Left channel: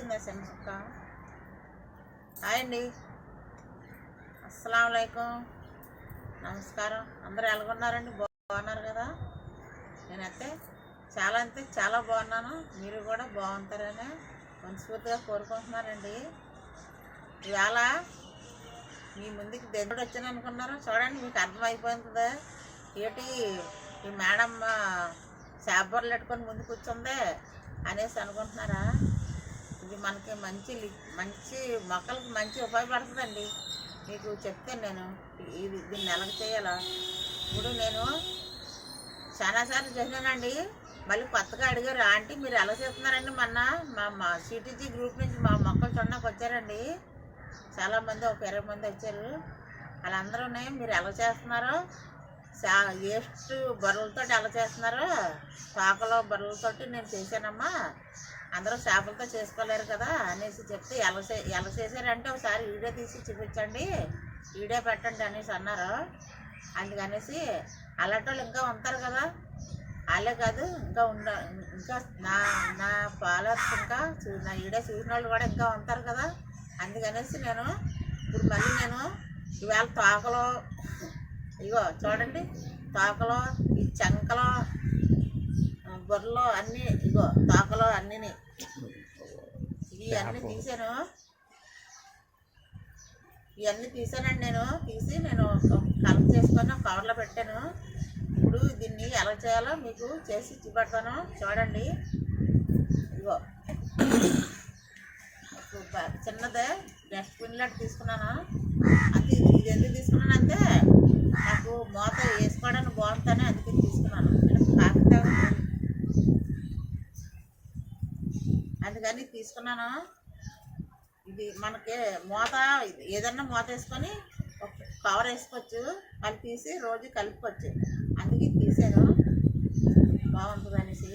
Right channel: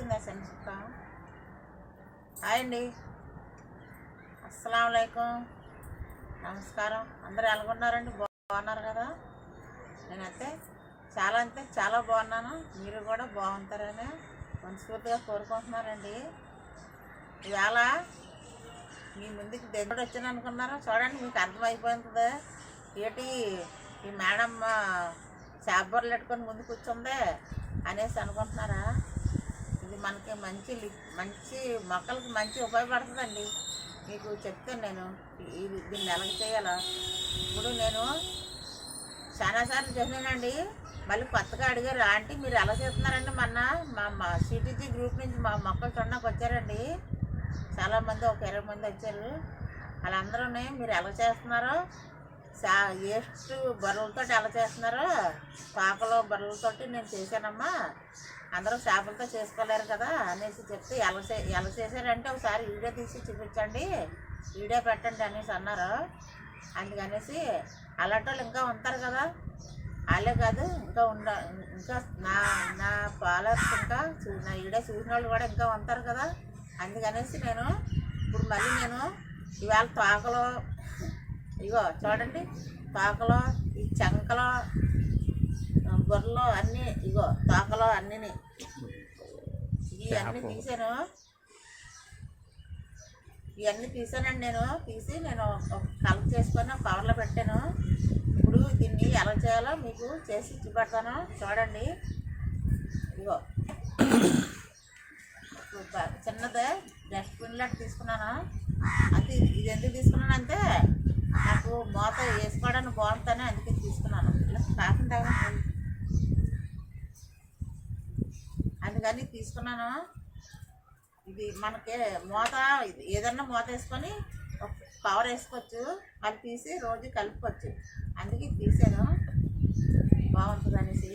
వచ్చిందా చిన్న సుక్క? హాయ్ అండి, అస్సలాములైకుం, నమస్కారం. అందరూ ఎలాగున్నారండి? బాగున్నారు కదా? నేనైతే చాలా బాగున్నాను. మీరు కూడా బాగుంటారని మనస్ఫూర్తిగా కోరుకుంటున్నానండి. ఇవాళ మీ ముందుకి దేవుడు వచ్చాను అనుకున్నారా? చూడండి, మీకు అర్థమైపోతుంది ఏంటి ఈ మేడం శాబర్లు పెట్టుకొని ముందు కూర్చుందే అనేసి అనుకుంటున్నారా? ఇది మనకి మంచి మొక్కలకి మంచి ఉపయోగపడుతుందండి. మీకు చెప్తాను నేను దీన్ని ఎలాగ చేయాలో. ఇప్పుడు నేను చాలాసార్లు చేసినానండి. మళ్ళీ కొత్తగా అడిగారు, ఆంటీ మీరు ఎలా చేస్తున్నారండి? మొన్న మా సిటీజీ గ్రూప్ నుంచి మా మొక్కలు చూడడానికి వచ్చారండి చాలామంది, ఒక 20 మంది వచ్చారు. వాళ్ళందరూ మీరు ఎలా చేస్తున్నారో, వేస్ట్ బర్రెలతో ఎలా చేస్తున్నారో, పాకలో బర్రెలతోటి నేను చేశానమ్మా, అందరూ చేపలతో చేసుకోలేరు కదా అనేసి చెప్తే ఎలా చేశారంటే ఒకసారి వీడియో తీసి చూపించండి, వీడియో పెట్టండి అనేసి అన్నారు. అందుకనేసి అలాంటి వాళ్ళు ఇంకా ఉంటారు కదా, వాళ్ళే కాదు ఇంకా నా ఫాలోవర్స్ ఇంకా నా వీడియో చూసిన వాళ్ళు కూడా ఇంకా ఉంటారు కదా. అందుకనేసి నేను ఇప్పుడు మళ్ళీ ఇవాళ తోకలో ఇగో చూడండి, తోకలో ఈ చంకలో బొర్రలో అన్నీ ఇగో తోకలో అన్నీ ఇవన్నీ తీసానండి. తీసి నేను కలెక్ట్ చేసుకొని ఒక కవర్లో పెట్టాను. ఇప్పుడు దీన్ని ఎలా చేయాలో మీకు చేసి చూపెడతాను. చూడండి, ఇగో చిన్నదే డస్ట్బిన్ లాంటి తీసుకున్నాను. అంతే. ఇది ఎందుకు తీసుకున్నానంటే నాకు మూత వేసుకోవడానికి బాగుంటుందని అందుకే తీసుకున్నాను. అందుకని తీసుకున్నాను. ఇది మనకి మూత ఏదన్నా మూత వేసుకొని ఒక కవర్ వేసుకోవచ్చు, అది తీసి రోజు కలుపుకోవచ్చు. అందుకే తీసాను, బాగుంటుంది అనేసి.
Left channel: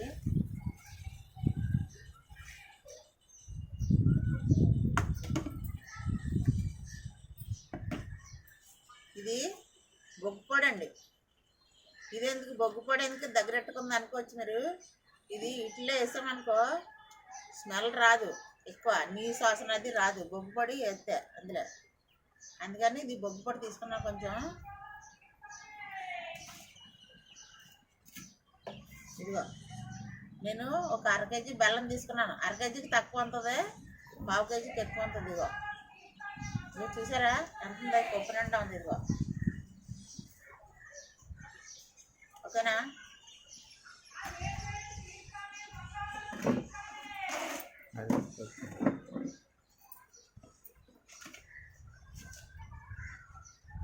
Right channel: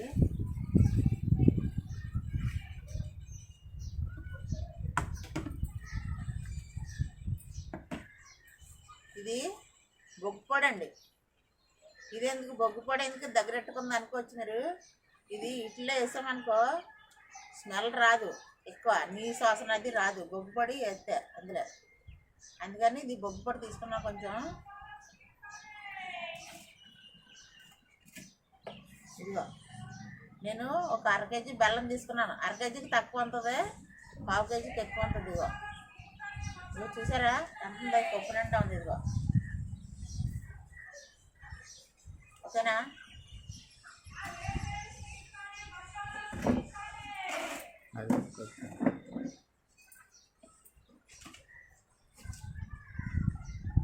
ఇది బొగ్గుపొడి అండి. ఇదెందుకు బొగ్గుపొడి ఎందుకు దగ్గరెట్టుకుంది అనుకోవచ్చు మీరు. ఇది ఇట్లో వేసామనుకో స్మెల్ రాదు, ఎక్కువ నీసు వాసన అది రాదు బొగ్గుపొడి వేస్తే అందులో. అందుకని ఇది బొగ్గుపొడి తీసుకున్నా కొంచెం. ఇదిగో నేను ఒక 1/2 కేజీ బెల్లం తీసుకున్నాను. 1/2 కేజీకి తక్కువ ఉంటుంది, 1/2 కేజీకి ఎక్కువ ఉంటుంది. ఇదిగో చూసారా ఎంత ఉందో, కొప్పు నిండా ఉంది. ఇదిగో ఓకేనా?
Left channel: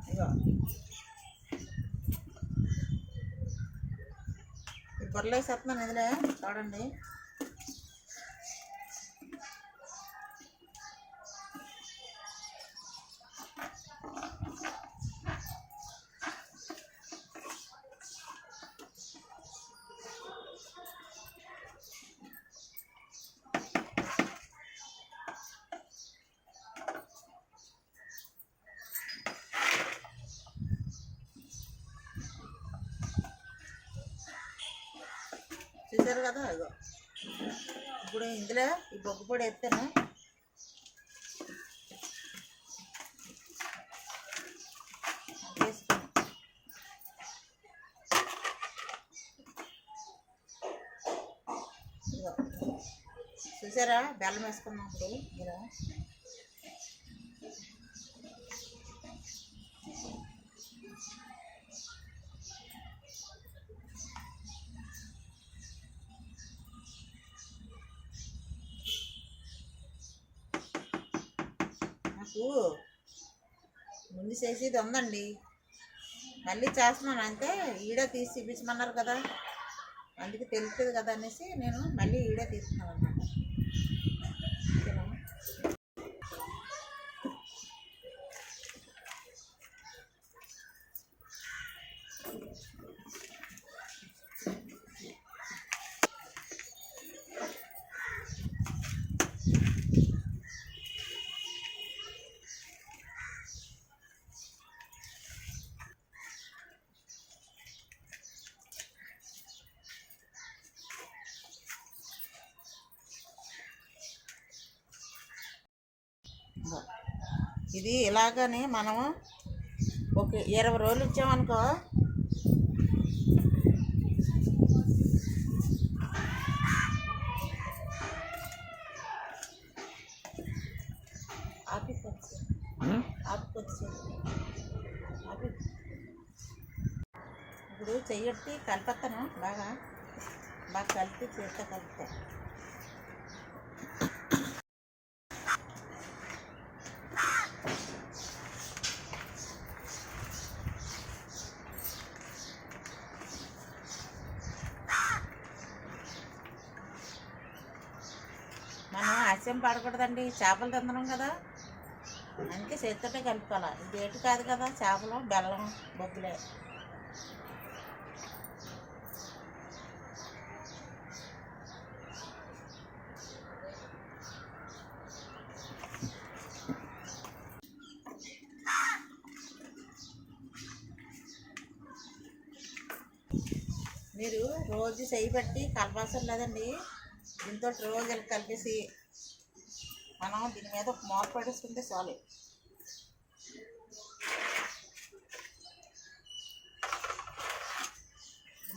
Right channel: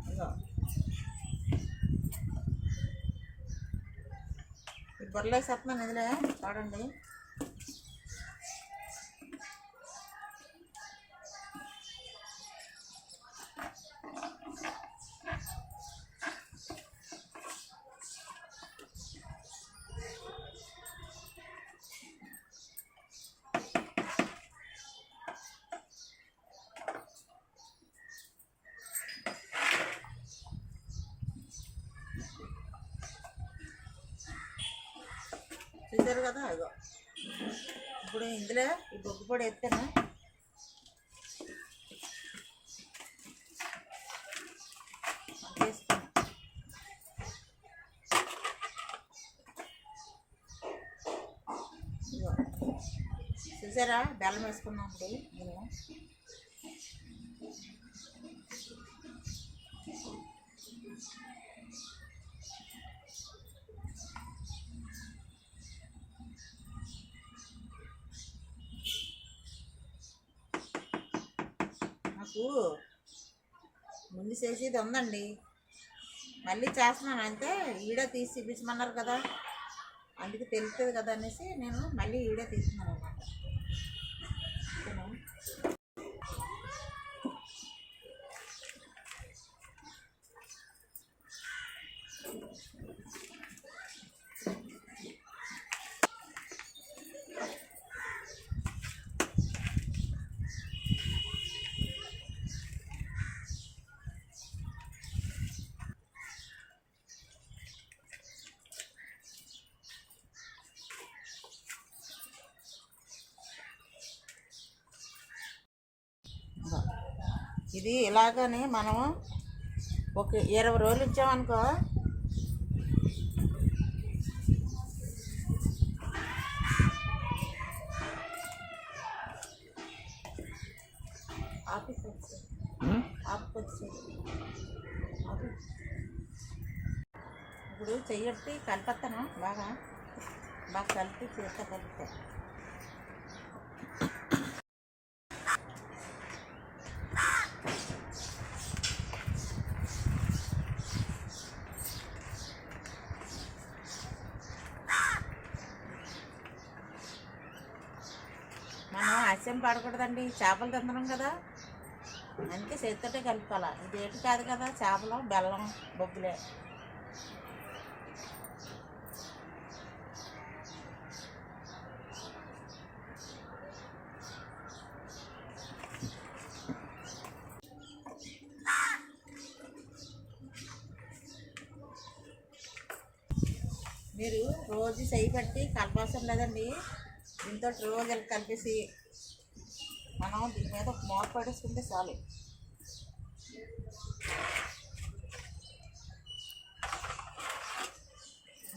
ఇదిగో ఈ బొర్రలు వేసేస్తున్నాను ఇందులో. చూడండి, చూసారు కదా. ఇగో ఇప్పుడు ఇందులో ఈ బొగ్గు పొడి ఎత్తాను. వేసుకున్నాను. ఇగో చూసారా, బెల్లం వేసుకున్నాం. ఇప్పుడు ఇందులో నాకు ముందు చేసేది ఉందండి, మళ్ళీ చేస్తున్నాను. అంతే, ఈడే తీసి చూపించమన్నారు కదా, అందుకే తెలుస్తుంది కదా అనేసి నేను మళ్ళీ ఈడే తీస్తున్నాను అన్నమాట. ఓకేనా? ఇది ఇలాగని మనము ఒక 20 రోజులు ఇచ్చామనుకో ఇప్పుడు చెయ్యట్టి కలిపేస్తాను బాగా కలిపి చేత్తో కలిపితే మనం ఆశయం పడకూడదండి, చేపలు తింటున్నాం కదా, అందుకే చేతితోటే కలుపుకోవాలి. ఇది ఏటు కాదు కదా, చేపలు బెల్లం బొగ్గులే. మీరు రోజు చేయి పెట్టి కలపాల్సిన లేదండి, దీంతో రోజు కలిపేసి మనం దీని మీద ఒక మూత పడేసుకుంటే చాలు.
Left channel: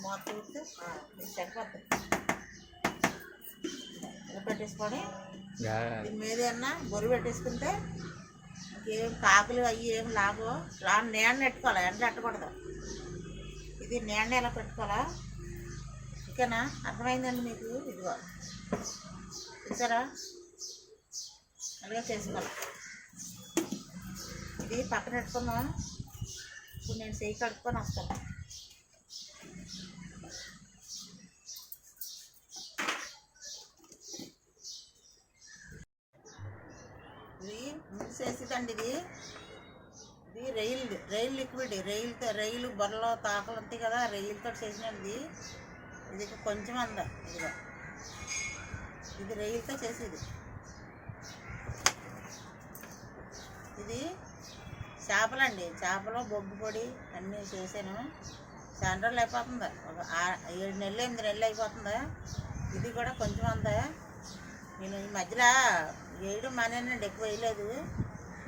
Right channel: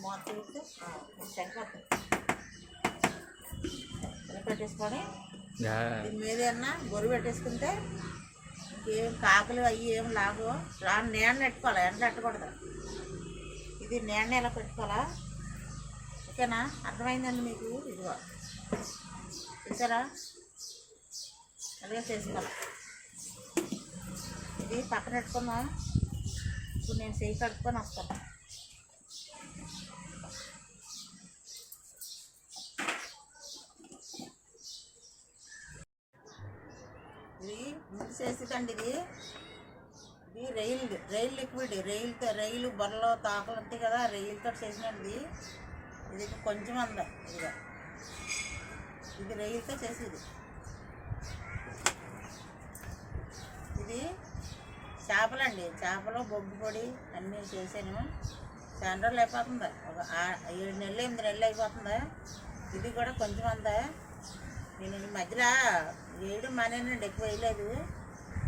మూత తీస్తే సరిపోతుంది. ఇలా పెట్టేసుకొని దీని మీద ఏమన్నా గొర్రె పెట్టేసుకుంటే ఇంకేం కాకులు అవి ఏం లాగో. నీడ పెట్టుకోవాలి, ఎండ పెట్టకూడదు. ఇది నీడ ఎలా పెట్టుకోవాలా, ఓకేనా? అర్థమైందండి మీకు? ఇదిగో చూసారా, అలాగే చేసుకోవాలి. ఇది పక్కన పెట్టుకుందాం. ఇప్పుడు నేను చెయ్యి కడుక్కొని వస్తాను. ఇది ముందు చేసేదండి. ఇది రైలు లిక్విడ్, రైలు బొర్రలో తాకలు ఉంటాయి కదా, రైలుతో చేసినది. ఇది కొంచెం అందా, ఇదిగో ఇది రైలుతో చేసేది. ఇది చేపలండి, చేపలు బొగ్గు పొడి అన్నీ చేసాను. చాలా రోజులు అయిపోతుంది, ఒక 7 నెలలు 8 నెలలు అయిపోతుంది. ఇది కూడా కొంచెం అందా. నేను ఈ మధ్యలో వేయడం మానేనండి, ఎక్కువ వేయలేదు.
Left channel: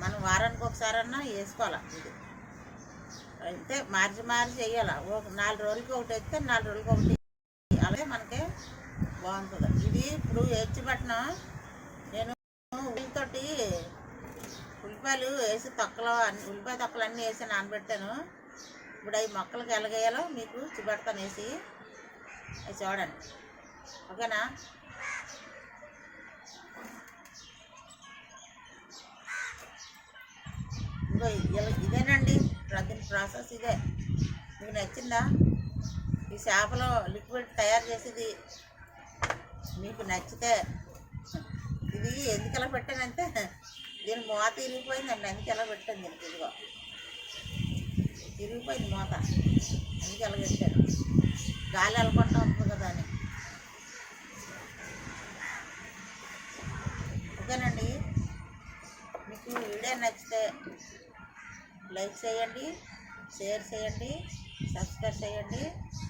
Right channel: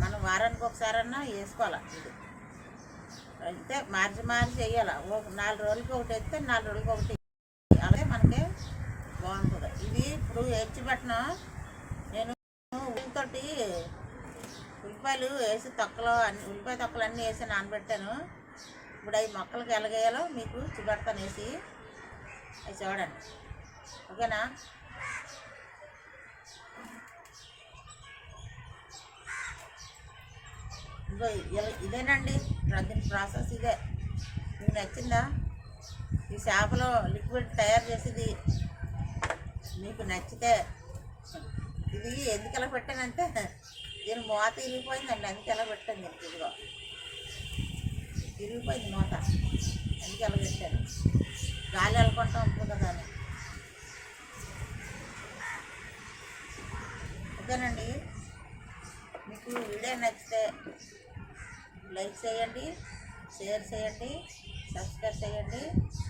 మనం వారానికి ఒకసారన్నా వేసుకోవాలి. ఇది అయితే మార్చి వేయాలి. ఒక 4 రోజులకి ఒకటి వేస్తే 4 రోజులకి ఒకటి, అలాగే మనకి బాగుంటుంది. ఇది ఇప్పుడు ఎచ్చిపెట్టినా నేను ఉల్లితోటి ఉల్లిపాయలు వేసి ఉల్లిపాయ తొక్కలు అన్నీ వేసి నానబెట్టాను. ఇప్పుడు అవి మొక్కలకి ఎలాగేయాలో మీకు చూపెడతాను, వేసి అవి చూడండి, ఓకేనా? ఇంకో ఇదేనండి దీని ప్రాసెస్ ఇదే. మీకు నచ్చిందా? ఈ చేపలో లిక్విడ్ తయారు చేసేది మీకు నచ్చితే, ఇది ఎందుకు ఎలా పెట్టానంటే దీని మూత ఇరిగిపోయిందండి, అందుకే ఎలా పెట్టాను. దీనికి ఇదిగో ఇరిగిపోయింది మూత, అందుకే ఎలా పెట్టాను. గాలి వెళ్ళకుండా ఉంటుంది కదా అని. ఓకేనండి, మీకు వీడియో నచ్చితే లైక్ చేయండి, షేర్ చేయండి, సబ్స్క్రైబ్ చేయండి,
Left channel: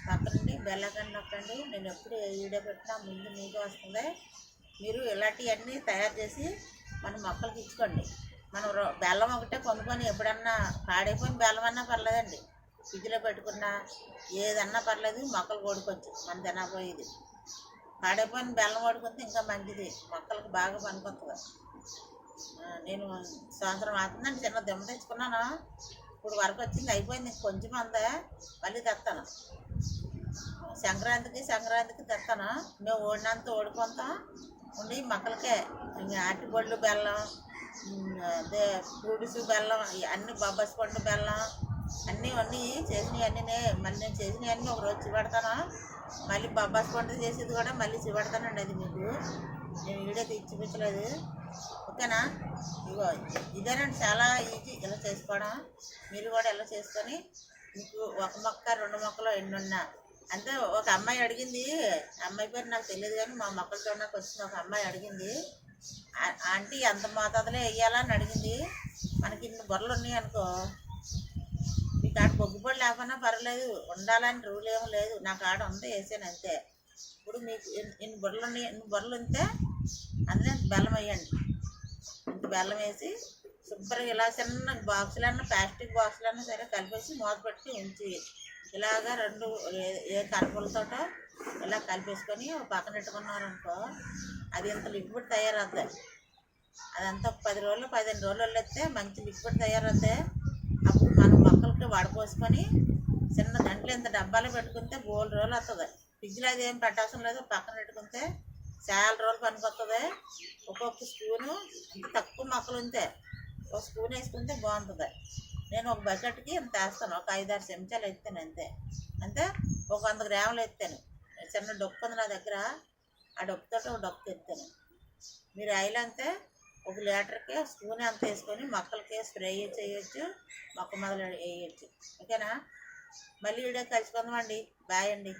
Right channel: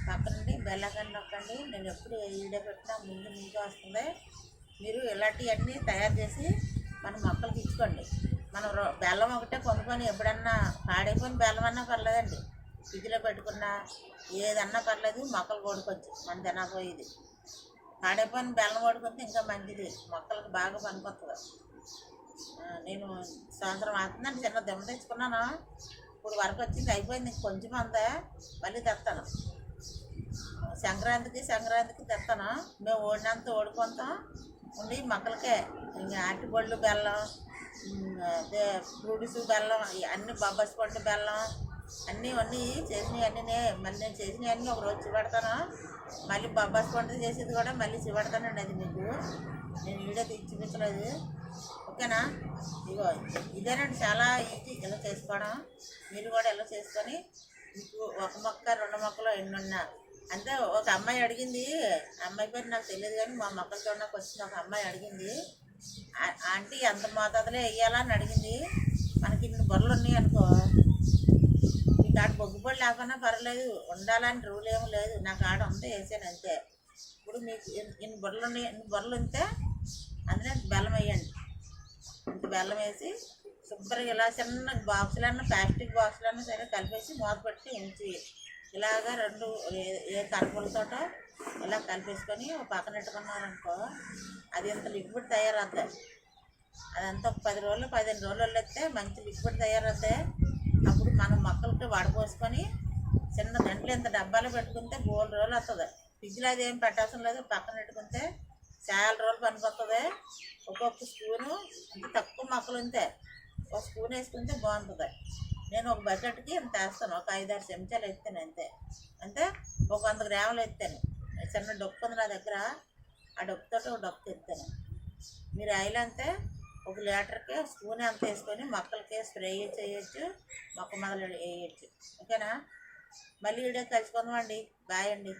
పక్కనండి బెల్ ఐకాన్ నొక్కండి. నేను ఎప్పుడు ఏ వీడియో పెట్టినా ముందు మీకే వస్తుంది. మీరు ఇలాంటివన్నీ తయారు చేసి మన మొక్కలకి ఇచ్చుకోండి. మనం బెల్లం ఒకటే కొనుక్కొని ఎప్పుడన్నా పాడైపోయిన బెల్లం అన్నా పర్లేదండి, ఫ్రిడ్జ్లో పెట్టుకున్నా ఏదన్నా పర్లేదు, మొక్కలు కొడుకోవచ్చు. మన తినపోయేది పాడైపోయిన బెల్లం కొడుకుంటే ఇంకా మంచిది, మొక్కలకు బాగా పనికొస్తుంది. నేను సంవత్సరం అవుతుందండి చిన్న దెమ్మ తెచ్చుకున్నాను, ఇప్పుడు వరకు వచ్చింది, అయిపోయింది. కొంచెం అంతా మళ్ళీ తెస్తాను. సంక్రాంతికి తెస్తాను. మేము ఓడినంత ఓడిపోతాం ఉండి మొక్కలకే. ఇంకా అరటిపళ్ళు బెల్లం, అదే ఫ్రూట్స్ బెల్లం, అన్నీ బొబ్బాసి పండు బెల్లం అన్నీ చేసినవి అన్నీ మళ్ళీ నేను చేసినవి అన్నీ ఒకరోజు చూపెడతాను. మళ్ళీ బొబ్బాసి పండు చేసేది కూడా మళ్ళీ చూపెడతానండి. అది మీకు నేను వీడియో చూపించలేదు, ఓకేనా? ఇగో ఇదేనండి, చాలా ఈజీ ఇలా చేసుకోవడం. మీరు కూడా ఇలా చేసుకొని మీకు 1 మొక్క 2 మొక్కలు ఎన్నున్నా అంటే. ఒక అమ్మాయి అడిగింది, అమ్మాయి పేరు నాకు తెలియదు కానీ మా మొక్కలు చూడడానికి వచ్చింది. ఒక అమ్మాయి అడిగింది, ఆంటీ ఎంత మోతాదులో వేయాలా అని అడిగింది. మనకి ఇన్ని బొర్రలు ఉన్నాయి అనుకో, మీకు ఆడ బొగ్గుపొడి లేకపోయినా పర్వాలేదు, ఉండాలని రూల్ ఏమీ లేదు. నాకు ఆడ ఉంది, వేసాను అంతే. ఇప్పుడు మీకు ఇన్ని బొర్రలు ఉన్నాయి, ఇన్ని బొర్రలు ఉంటే అందులో బెల్లం వేయండి. ఇంత బెల్లం వేసి శుభ్రంగా ఇలా చిన్న బాక్సులన్నా ప్లాస్టిక్ బాక్సులన్నా సరే కలిపేసి మూత పెట్టి ఉంచి ఇలాగా రెండు ఏ కరపులతోటో ఇలా కలిపేసుకొని ఒక పక్కన పెట్టుకున్నారనుకో అది ఇంత లిక్విడ్ తయారవుతుంది. అదంతా ఒక 10 రోజులు 15 రోజులు వస్తే మంచి లిక్విడ్ తయారవుతాయి. అప్పుడు మనం మొక్కలకి వడపోసుకొని చిన్న దాంట్లో ఇంత డబ్బాలో పెట్టుకుంటే బోల్ రోజులు వస్తుంది. ఫ్రిడ్జ్లో అది ఏం పెట్టాల్సిన లేదు, పక్కన పెట్టుకుంటే చాలా రోజులు పనికొస్తుంది. ఒక్కొక్క స్పూను అంత తక్కువ మొక్కలు ఉంటే ఒక స్పూన్ వేసుకుంటే బాగుంటుంది. నేను ఒక బకెట్కి ఇంత వేస్తాను, ఒక 5-6 చెంచాలు ఎత్తాను అంతే. అంటే ఒక 100 గ్రాములు ఎత్తాను. చిన్న డొక్కు ఉంది నా దగ్గర, ఆ డొక్కుతో ఒక డొక్కు ఎత్తాను. మీరు ఆయిల్ అంతే ఒక లీటర్కి స్పూన్ అంత వేసుకొని మొక్కలకి స్ప్రే చేయొచ్చు, మొక్క మొదలు వేయచ్చు. ఓకేనా? మళ్ళీ వీడియో కలుసుకుందామండి. బాయ్ అండి.